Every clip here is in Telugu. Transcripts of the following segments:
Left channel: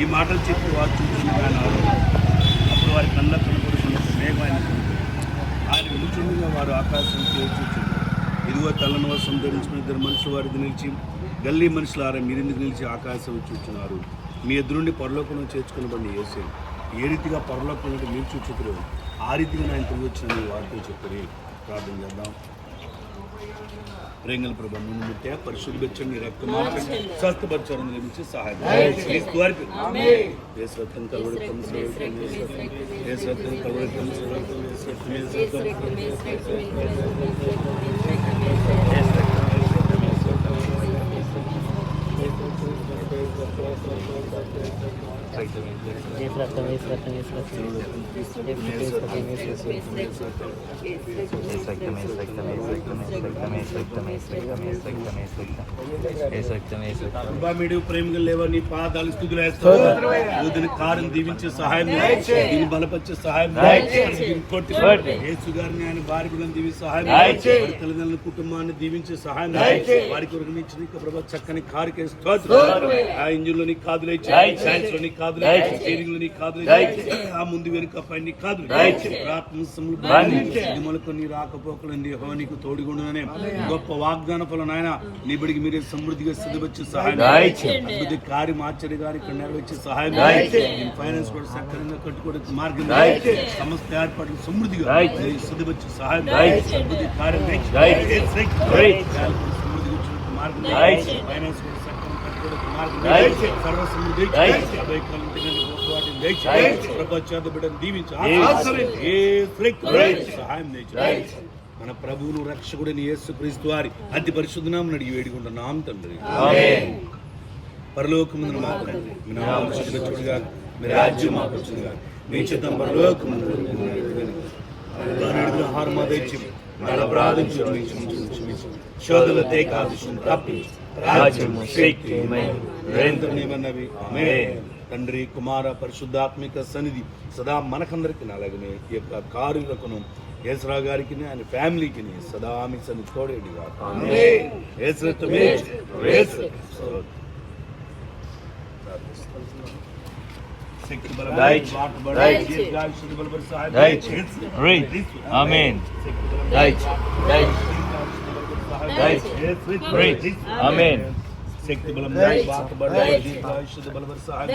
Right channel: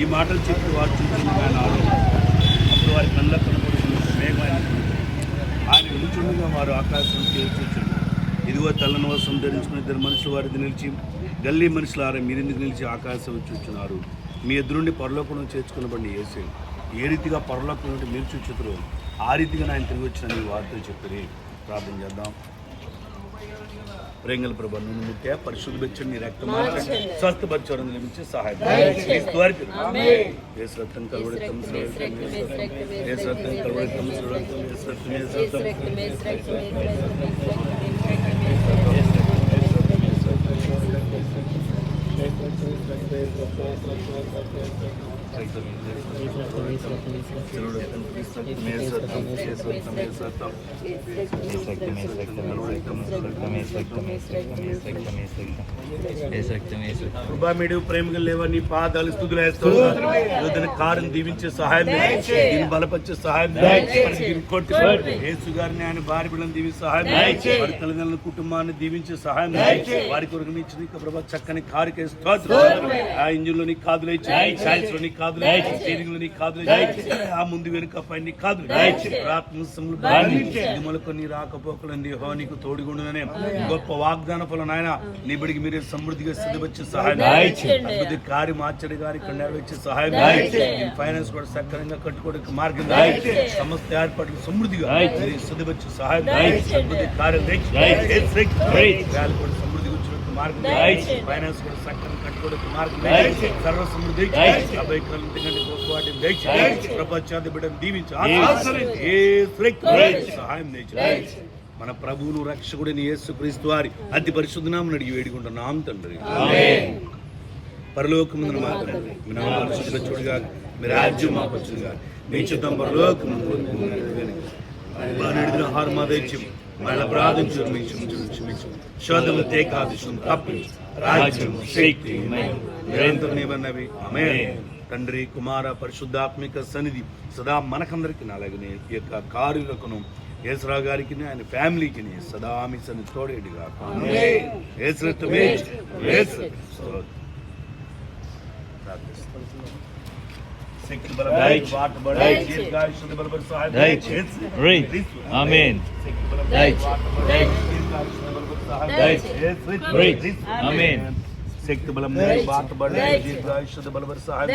ఈ మాటలు చెప్పి వారు చూస్తుండగా ఆయన ఆలోచించారు. అప్పుడు వారి కళ్ళ కనపడుతున్న మేఘం ఆయన నిలుచుండగా వారు ఆకాశం చేర్చుచున్నారు. ఇదిగో తెల్లని వస్త్రం ధరించుకుని ఇద్దరు మనుషులు వారిది నిలిచి, గల్లీ మనుషులారా మీరెందుకు నిలిచి ఆకాశం చూచున్నారు? మీ ఎదురుండి పరలోకంలో చేర్చుకునబడి యేసే ఏ రీతిగా పరలోకం నుండి మీరు చూచుతారు, ఆ రీతిగా ఆయన తిరిగి వచ్చిన వార్తలు చెప్తారు. ప్రార్థన చేద్దాం. రేంగల ప్రభా నువ్వు ముట్టే పరిశుద్ధ బెచ్చని రక్తం స్వస్థపరచడం నిర్మించి సహాయం మీరు ప్రేమగా లేవా నీ పాదాలు స్థుతులు వేస్తాను. కారుని దీవించే సహాయం, దీన్ని బలపరిచే సహాయం, యేసు గారిని ఆయన భార్య బిడ్డలను దీవించే సహాయం, వారి తల్లిదండ్రుల కుటుంబాన్ని దీవించే సహాయం, వారికి ఉరిగించిన ప్రభావ చక్కని కారు కేసు ఆ ఇంజిన్ లోని కాదులే, సైన్స్ లోని కాదులే, స్టీరింగ్ లోని కాదులే, ఆ ముందు వెనుక పైన కాదులు మొలకొని రాకపోకలండి హోనికి తోడుగుండునే గొప్ప వాగ్దాన ఫలం ఆయన నిబడికి మీరు సమృద్ధిగా స్థితివచ్చే సహాయం, అద్భుత కార్యం ఆశ్చర్య గారి ఇక్కడ నెరవేర్చే సహాయం, ఫైనాన్స్ కూడా సక్రమంగా కట్టుకోవడానికి మార్గం, సమస్త ఏర్పాట్లు సమృద్ధిగా స్థితివచ్చే సహాయం, అద్భుత కార్యం సమృద్ధిగా వచ్చినట్టు మార్గం, ఫైనాన్స్ కూడా సక్రమంగా కట్టుకోవడానికి మార్గం, సర్వ సమృద్ధి ప్రపంచాన్ని బిడ్డను దీవించి సహాయం చేయించు. మన ప్రభువును రక్షకుడిని యేసుక్రీస్తు వారి అతి పరిశుద్ధ నామమున అడిగి వేడుకుంటున్నాం తండ్రి. పరలోకమున మా తండ్రి, మీ నామము పరిశుద్ధపరచుడుగా, మీ రాజ్యం మాకు వచ్చునుగా, మీ చిత్తం పరలోకమున ఆహారం మా దయచేయం, మా అపరాధం క్షమించు, శోధనలు తేకాదశం తప్పించు, రాజ్యం శక్తి నిబంధనవి ఆమేన్. తండ్రి కుమార పరిశుద్ధాత్మిక సన్నిధి సదా మనకందరికి అలాగనే ఈ యొక్క కారులకును యేసురావు గారికి ఆయన ఫ్యామిలీకి సదా మీ సన్నిధి తోడేదిగా శక్తి బలం శుద్ధ బలపరి సహాయం,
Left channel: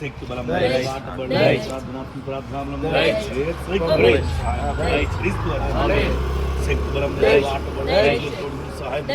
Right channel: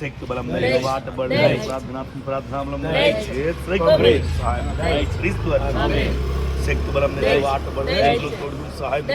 శక్తి బలం బాటబడి ప్రార్థనాత్మక శక్తి బలం బాటబడి సహాయం.